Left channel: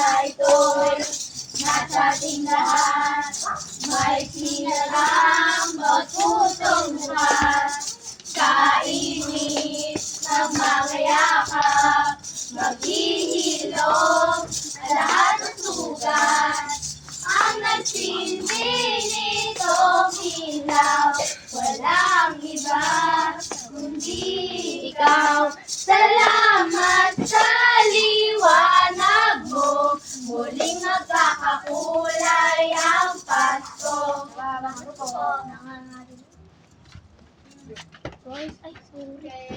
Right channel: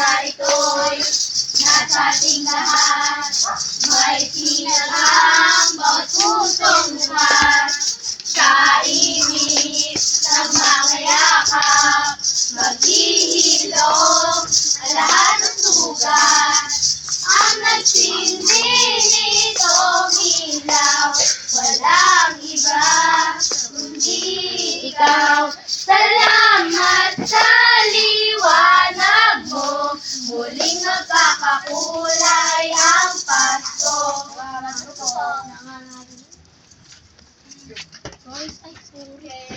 na ito'y nasa ating lahat. May sinagang bawat pusong bukas. Kainit ng mga yakap, maghihilom ang lahat ng sugat. Ang nagsindi nitong ilaw, walang iba kundi ikaw. Salamat sa liwanag mo, muling nagkakakulay ang Pasko. Guys, ay sorry.